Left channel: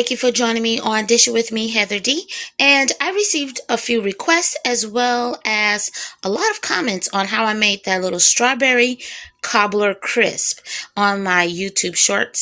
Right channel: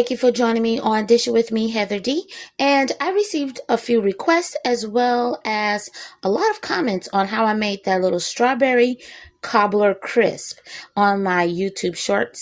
Thank you for joining me on Dish It With Me, Heather D. And I received a few requests as well as a lot of comments on how I made that little strawberry cobbler crisp on my YouTube short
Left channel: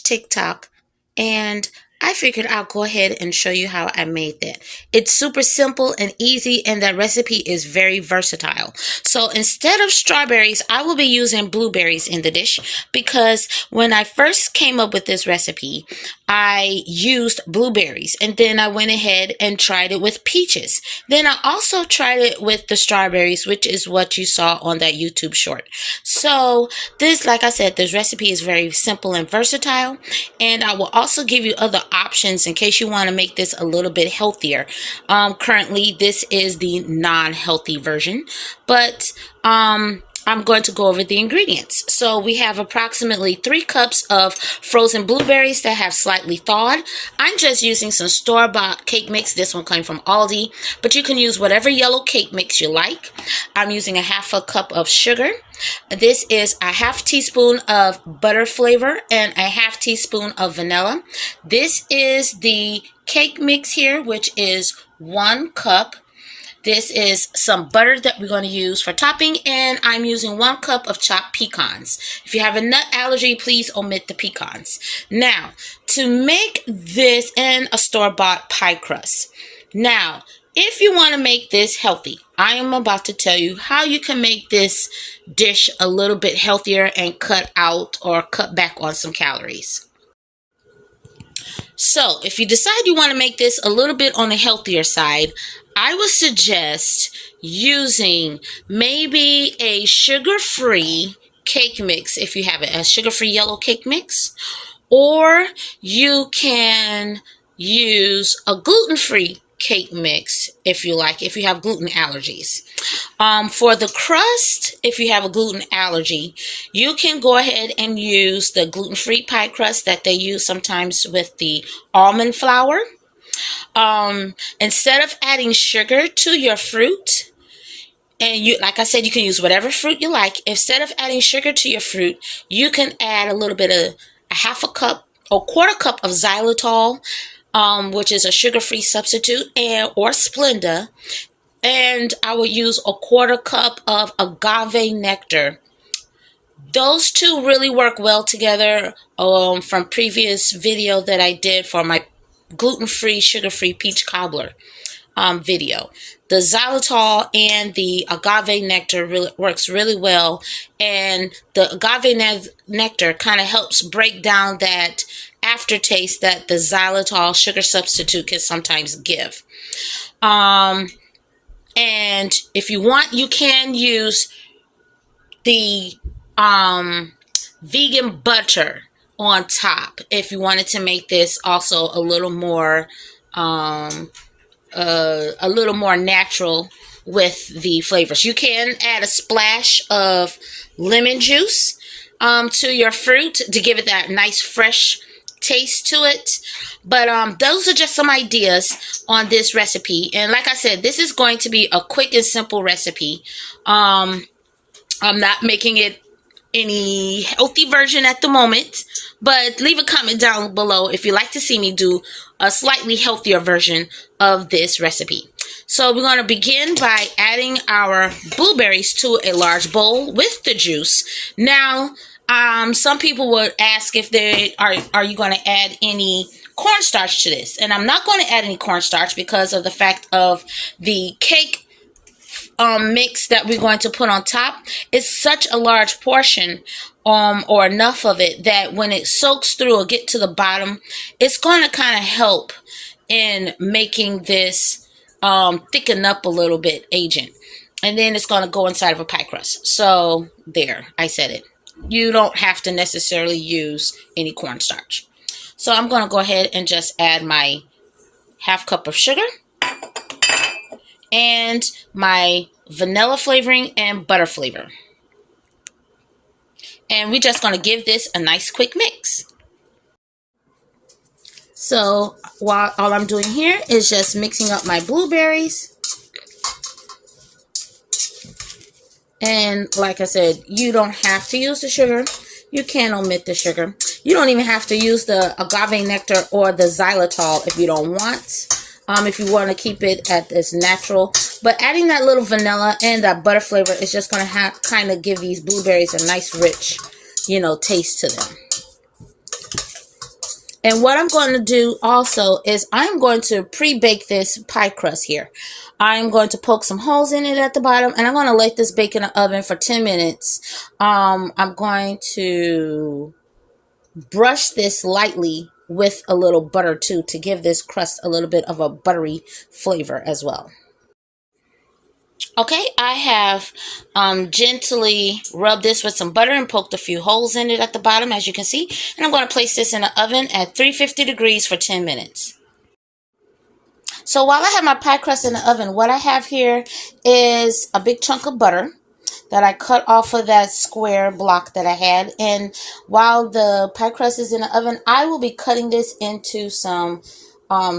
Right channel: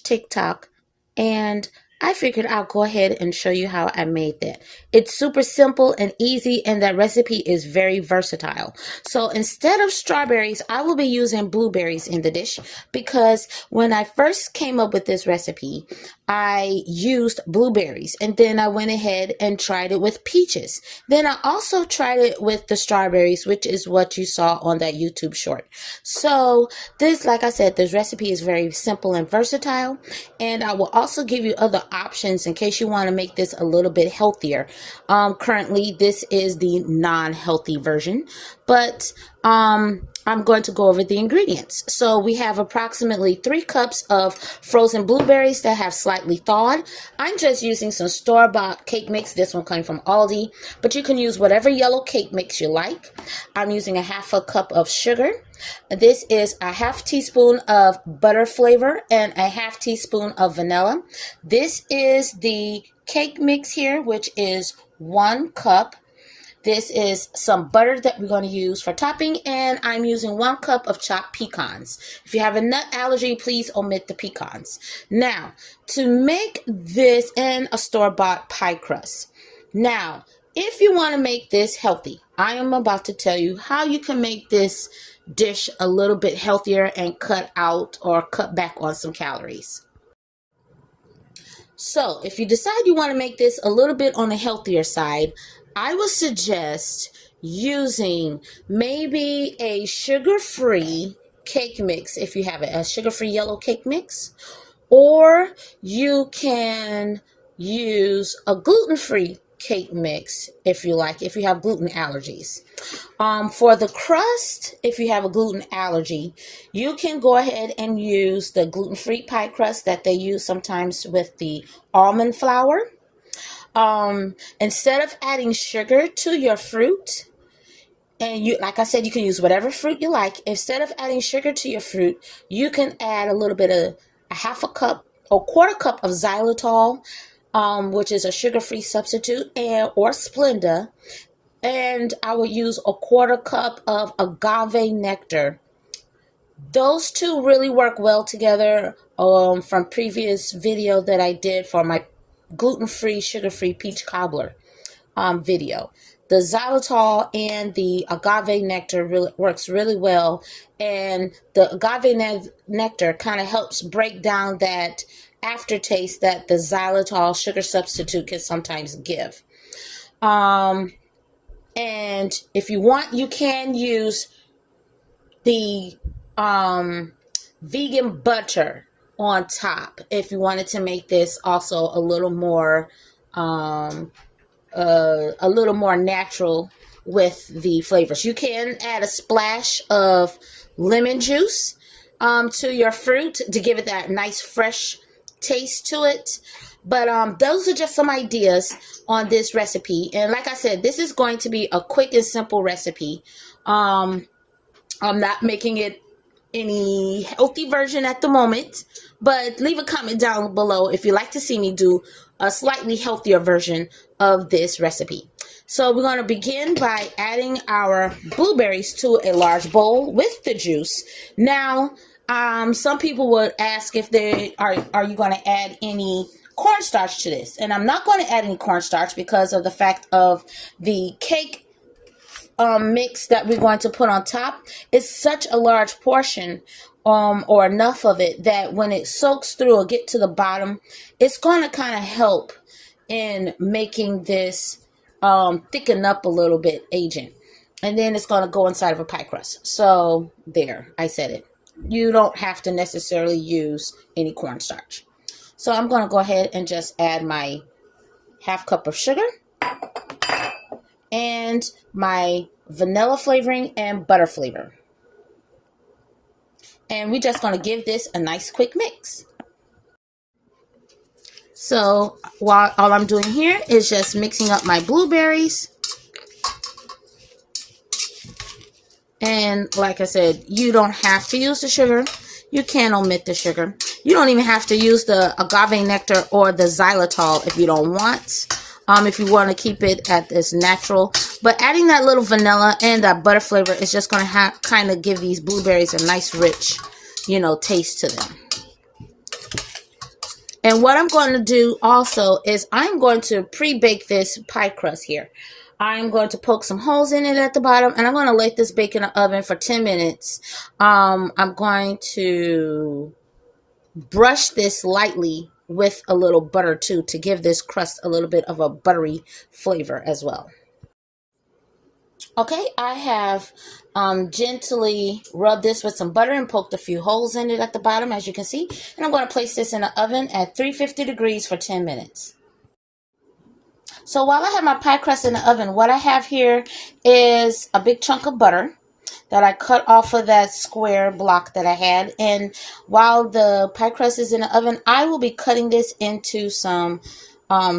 / TikTok. And I figured I'll go ahead and show you how I made that. It's super simple and easy, and that recipe is very versatile. So instead of strawberries, I will be using blueberries in the dish because when I first came up with this recipe, I used blueberries, and then I went ahead and tried it with peaches. Then I also tried it with the strawberries, which is what you saw on that YouTube short. So this, like I said, this recipe is very simple and versatile, and I will also give you other options in case you want to make this a little bit healthier. Currently, this is the non-healthy version, but I'm going to go over the ingredients. So we have approximately 3 cups of frozen blueberries that have slightly thawed. I'm just using some store-bought cake mix. This one came from Aldi, but you can use whatever yellow cake mix you like. I'm using a half a cup of sugar. This is a half teaspoon of butter flavor and a half teaspoon of vanilla. This is the cake mix here, which is 1 cup. This is some butter that we're going to use for topping, and I'm using 1 cup of chopped pecans. If you have a nut allergy, please omit the pecans. Now, to make this in a store-bought pie crust. Now, if you want to make this healthy, I am about to tell you how you can make this dish a little bit healthier and cut out or cut back on some calories. So, if you decide you want to make this a little bit on the healthier side, I would suggest using maybe a sugar-free cake mix if you have it, a sugar-free yellow cake mix, or you can use a gluten-free cake mix if you like, if you have gluten allergies. For the crust, if you have a gluten allergy, you can go ahead and use the gluten-free pie crust that they use sometimes with the almond flour. Instead of adding sugar to your fruit, and you, like I said, you can use whatever fruit you like. Instead of adding sugar to your fruit, you can add a little bit of a half a cup or quarter cup of xylitol, which is a sugar-free substitute, or Splenda. And I would use a quarter cup of agave nectar. Those two really work well together from previous video that I did for my gluten-free, sugar-free peach cobbler video. The xylitol and the agave nectar works really well, and the agave nectar kind of helps break down that aftertaste that the xylitol sugar substitute can sometimes give. And if you want, you can use the vegan butter on top if you wanted to make this also a little more natural with the flavors. You can add a splash of lemon juice to your fruit to give it that nice fresh taste to it. But those are just some ideas on this recipe, and like I said, this is going to be a quick and simple recipe. I'm not making it any healthy version at the moment, but leave a comment down below if you'd like to see me do a slightly healthier version of this recipe. So we're going to begin by adding our blueberries to a large bowl with the juice. Now, some people would ask if they are you going to add any cornstarch to this? And I'm not going to add any cornstarch because of the fact of the cake mix that we're going to put on top is such a large portion or enough of it that when it soaks through or get to the bottom, it's going to kind of help in making this thicken up a little bit agent, and then it's going to go inside of a pie crust. So there, I said it. You don't have to necessarily use any cornstarch. So I'm going to go ahead and just add my half cup of sugar and my vanilla flavoring and butter flavor. And we're just going to give this a nice quick mix. So while all I'm doing here is just mixing up my blueberries. And like I said, you don't have to use the sugar. You can omit the sugar. You don't even have to use the agave nectar or the xylitol if you don't want. If you want to keep it at this natural. But adding that little vanilla and that butter flavor is just going to kind of give these blueberries a nice rich, taste to them. And what I'm going to do also is I'm going to pre-bake this pie crust here. I'm going to poke some holes in it at the bottom, and I'm going to let this bake in the oven for 10 minutes. I'm going to brush this lightly with a little butter too to give this crust a little bit of a buttery flavor as well. Okay, I have gently rubbed this with some butter and poked a few holes in it at the bottom, as you can see. And I'm going to place this in the oven at 350 degrees for 10 minutes. So while I have my pie crust in the oven, what I have here is a big chunk of butter that I cut off of that square block that I had. And while the pie crust is in the oven, I will be cutting this into some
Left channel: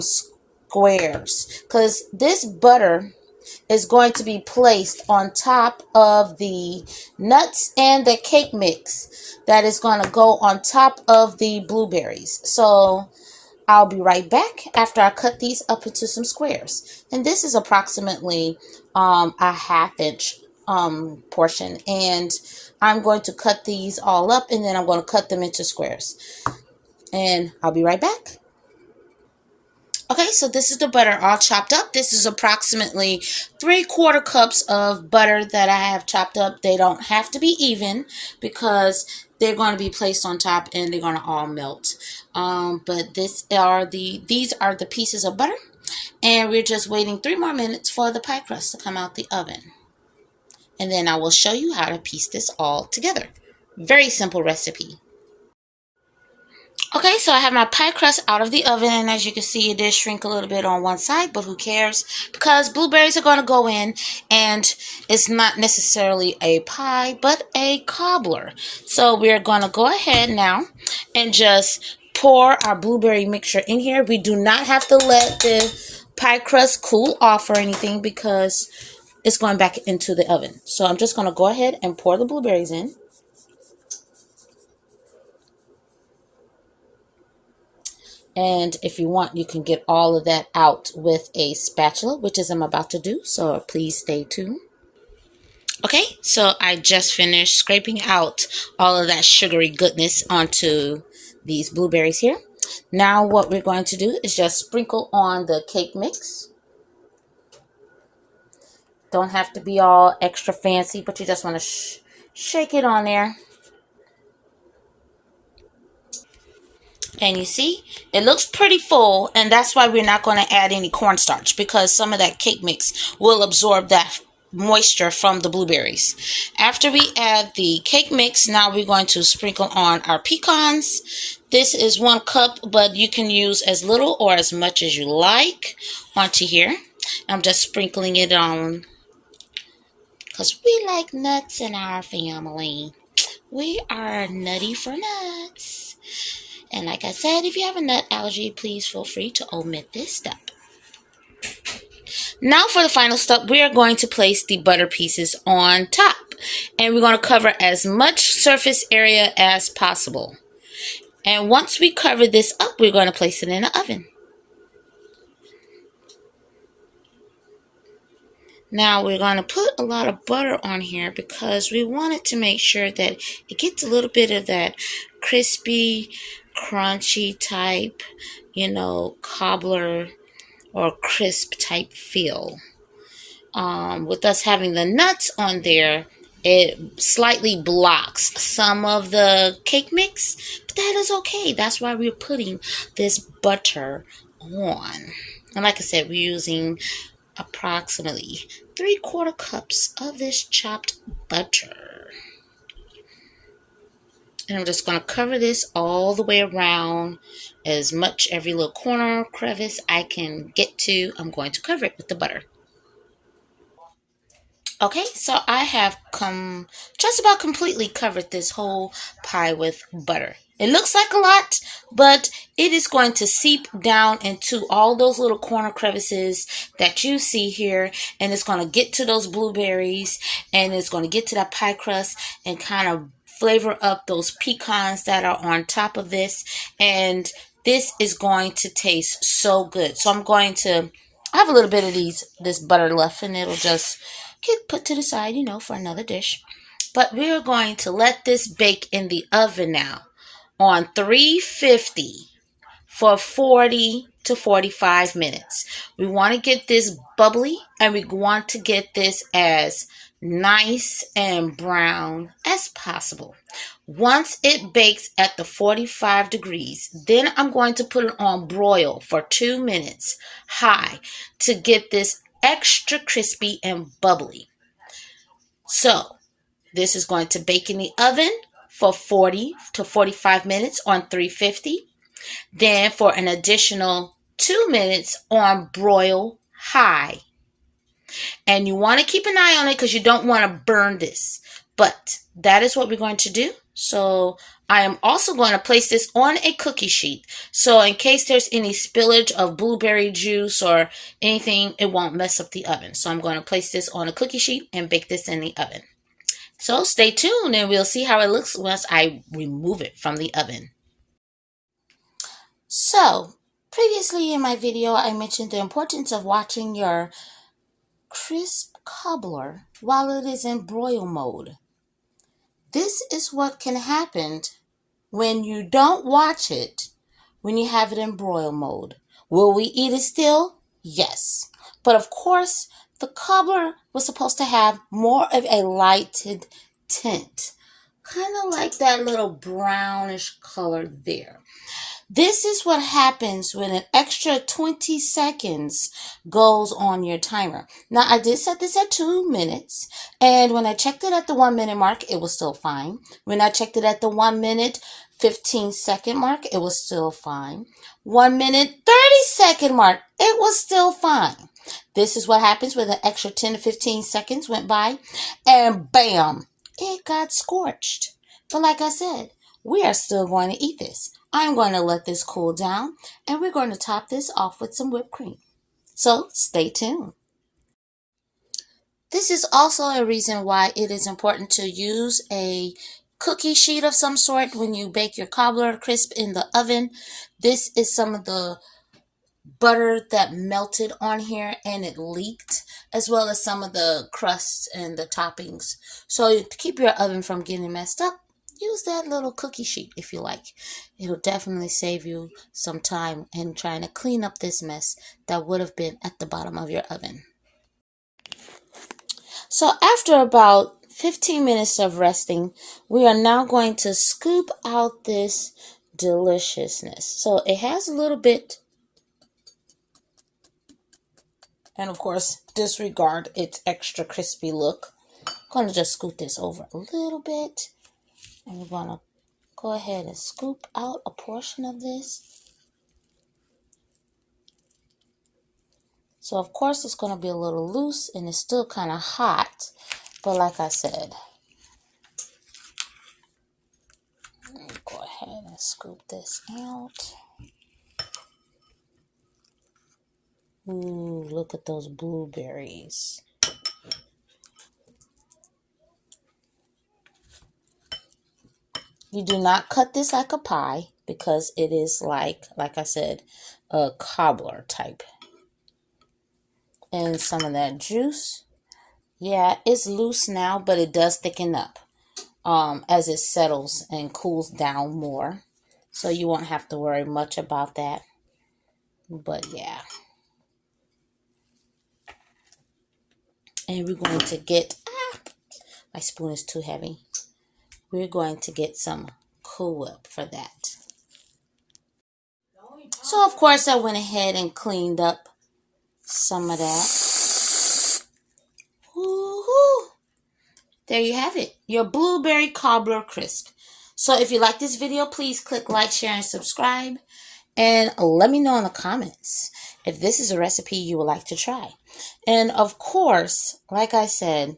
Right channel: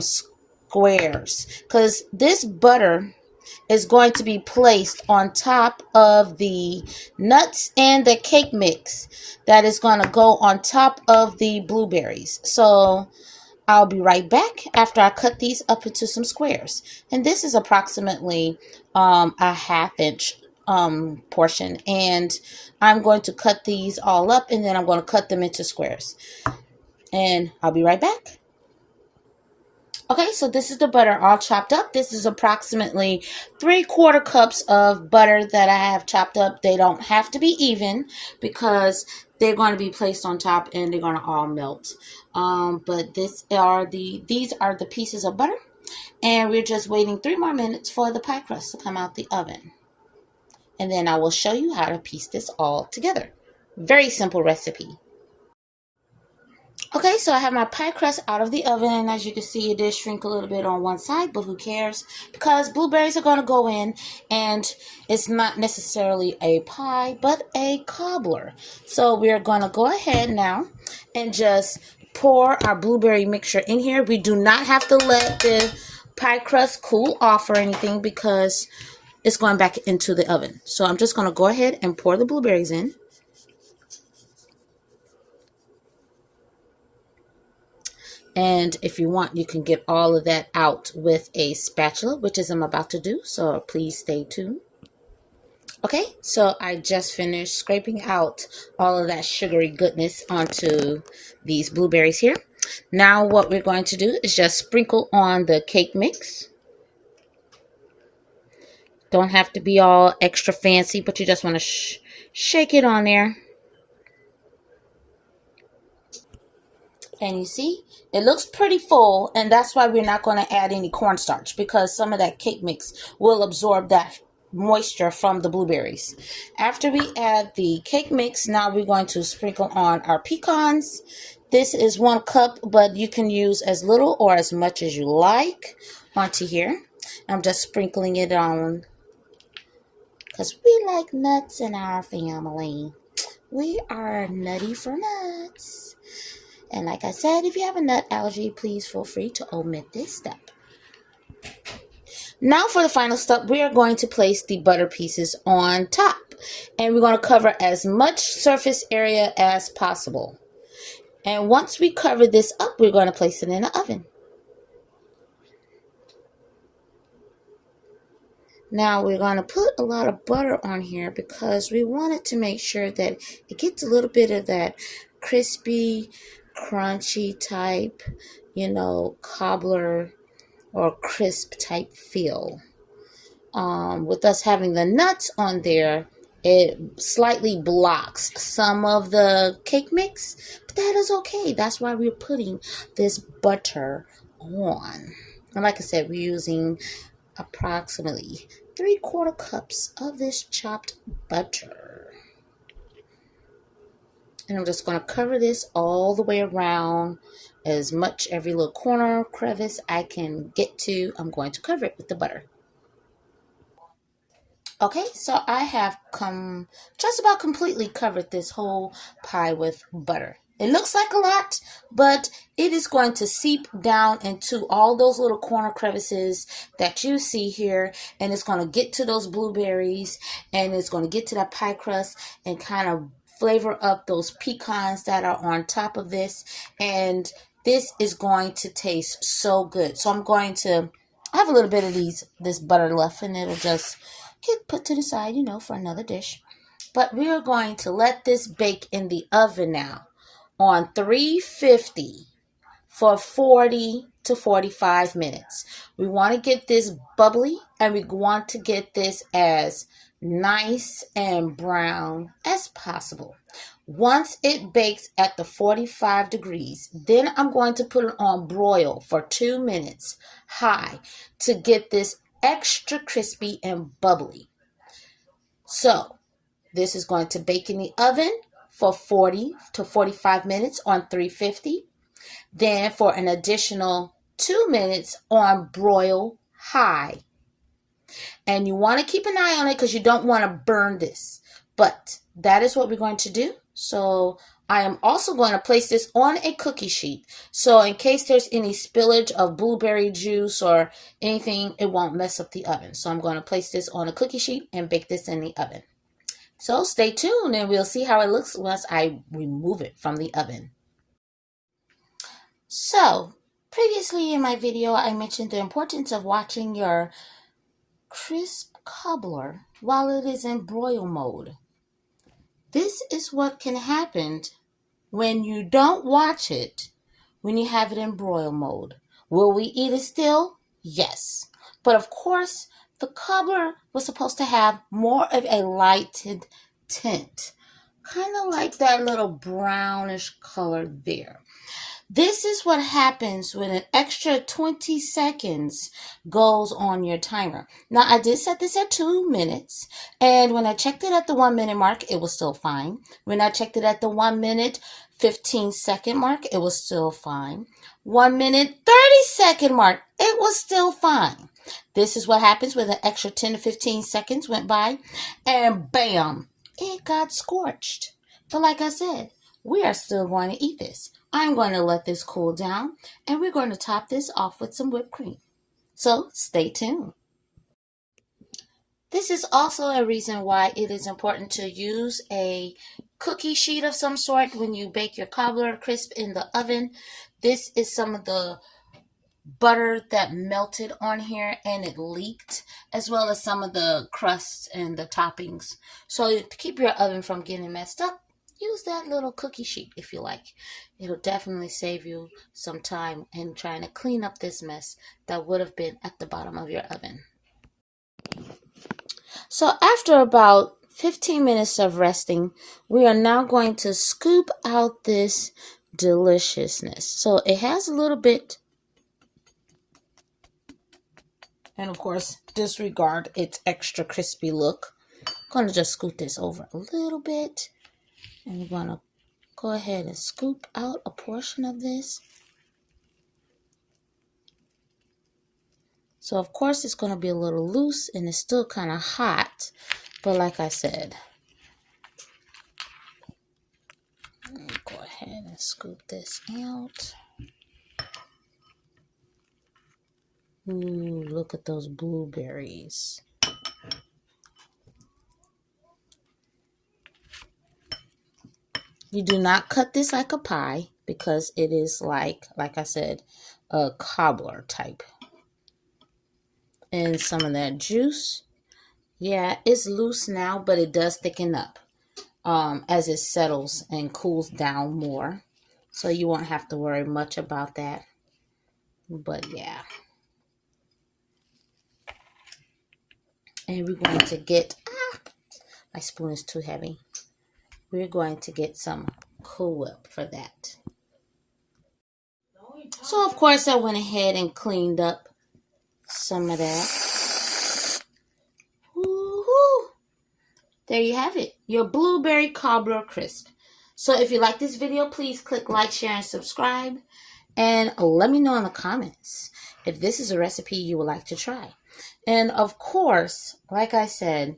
squares, because this butter is going to be placed on top of the nuts and the cake mix that is going to go on top of the blueberries. So I'll be right back after I cut these up into some squares. And this is approximately a 1/2 inch portion, and I'm going to cut these all up, and then I'm going to cut them into squares. And I'll be right back. Okay, so this is the butter all chopped up. This is approximately 3/4 cups of butter that I have chopped up. They don't have to be even because they're going to be placed on top and they're going to all melt. But these are the pieces of butter, and we're just waiting 3 more minutes for the pie crust to come out the oven. And then I will show you how to piece this all together. Very simple recipe. Okay, so I have my pie crust out of the oven, and as you can see, it did shrink a little bit on one side, but who cares? Because blueberries are going to go in, and it's not necessarily a pie, but a cobbler. So we're going to go ahead now and just pour our blueberry mixture in here. We do not have to let the pie crust cool off or anything because it's going back into the oven. So I'm just going to go ahead and pour the blueberries in. And if you want, you can get all of that out with a spatula, which is I'm about to do, so please stay tuned. Okay, so I just finished scraping out all of that sugary goodness onto these blueberries here. Now what we're going to do is just sprinkle on the cake mix. Don't have to be all extra fancy, but you just want to shake it on there. And you see, it looks pretty full, and that's why we're not going to add any cornstarch, because some of that cake mix will absorb that moisture from the blueberries. After we add the cake mix, now we're going to sprinkle on our pecans. This is 1 cup, but you can use as little or as much as you like onto here. I'm just sprinkling it on because we like nuts in our family. We are nutty for nuts. And like I said, if you have a nut allergy, please feel free to omit this step. Now for the final step, we are going to place the butter pieces on top. And we're going to cover as much surface area as possible. And once we cover this up, we're going to place it in the oven. Now we're going to put a lot of butter on here because we wanted to make sure that it gets a little bit of that crispy, crunchy type, cobbler or crisp type feel. With us having the nuts on there, it slightly blocks some of the cake mix, but that is okay. That's why we're putting this butter on. And like I said, we're using approximately 3/4 cups of this chopped butter. And I'm just going to cover this all the way around, as much every little corner crevice I can get to. I'm going to cover it with the butter. Okay, so I have just about completely covered this whole pie with butter. It looks like a lot, but it is going to seep down into all those little corner crevices that you see here, and it's going to get to those blueberries, and it's going to get to that pie crust and kind of flavor up those pecans that are on top of this. And this is going to taste so good. So I have a little bit of this butter left, and it'll just get put to the side, for another dish. But we're going to let this bake in the oven now on 350 for 40 to 45 minutes. We want to get this bubbly, and we want to get this as nice and brown as possible. Once it bakes at the 45 degrees, then I'm going to put it on broil for 2 minutes high to get this extra crispy and bubbly. So this is going to bake in the oven for 40 to 45 minutes on 350. Then for an additional 2 minutes on broil high. And you want to keep an eye on it because you don't want to burn this. But that is what we're going to do. So I am also going to place this on a cookie sheet. So in case there's any spillage of blueberry juice or anything, it won't mess up the oven. So I'm going to place this on a cookie sheet and bake this in the oven. So stay tuned and we'll see how it looks once I remove it from the oven. So previously in my video, I mentioned the importance of watching your crisp cobbler while it is in broil mode. This is what can happen when you don't watch it when you have it in broil mode. Will we eat it still? Yes. But of course, the cobbler was supposed to have more of a lighted tint, kind of like that little brownish color there. This is what happens when an extra 20 seconds goes on your timer. Now, I did set this at 2 minutes, and when I checked it at the 1 minute mark, it was still fine. When I checked it at the 1 minute 15-second mark, it was still fine. 1 minute 30-second mark, it was still fine. This is what happens when an extra 10 to 15 seconds went by, and bam, it got scorched. But like I said, we are still going to eat this. I'm going to let this cool down, and we're going to top this off with some whipped cream. So stay tuned. This is also a reason why it is important to use a cookie sheet of some sort when you bake your cobbler crisp in the oven. This is some of the butter that melted on here and it leaked, as well as some of the crusts and the toppings. So to keep your oven from getting messed up, use that little cookie sheet if you like. It'll definitely save you some time in trying to clean up this mess that would have been at the bottom of your oven. So after about 15 minutes of resting, we are now going to scoop out this deliciousness. So it has a little bit, and of course, disregard its extra crispy look. I'm going to just scoot this over a little bit. And we're going to go ahead and scoop out a portion of this. So, of course, it's going to be a little loose and it's still kind of hot. But like I said, go ahead and scoop this out. Ooh, look at those blueberries. You do not cut this like a pie because it is like I said, a cobbler type. And some of that juice, yeah, it's loose now, but it does thicken up as it settles and cools down more. So you won't have to worry much about that. But yeah. And we're going to get, my spoon is too heavy. We're going to get some Cool Whip for that. So, of course, I went ahead and cleaned up some of that. Woo-hoo. There you have it, your blueberry cobbler crisp. So if you like this video, please click like, share, and subscribe. And let me know in the comments if this is a recipe you would like to try. And of course, like I said,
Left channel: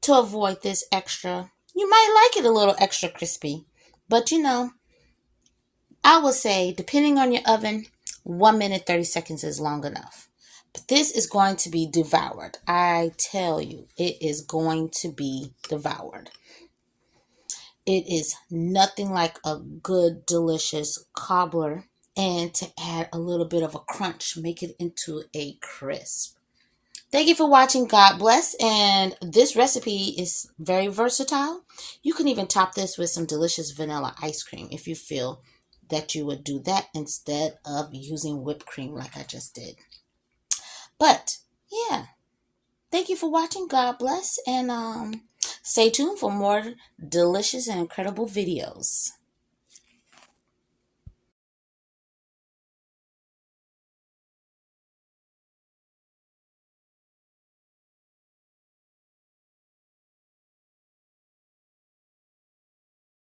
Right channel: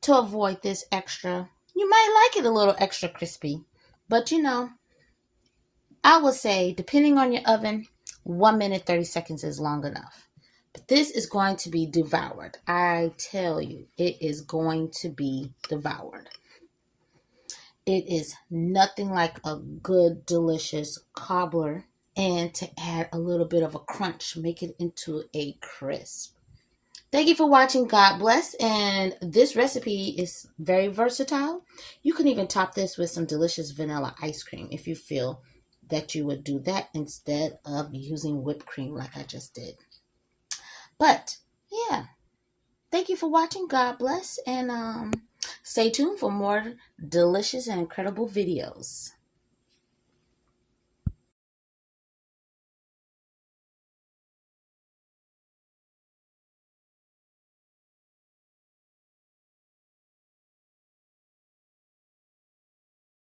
to avoid this extra, you might like it a little extra crispy. But I will say, depending on your oven, 1 minute 30 seconds is long enough. But this is going to be devoured. I tell you, it is going to be devoured. It is nothing like a good, delicious cobbler. And to add a little bit of a crunch, make it into a crisp. Thank you for watching. God bless. And this recipe is very versatile. You can even top this with some delicious vanilla ice cream if you feel that you would do that instead of using whipped cream like I just did. But yeah, thank you for watching. God bless. And stay tuned for more delicious and incredible videos.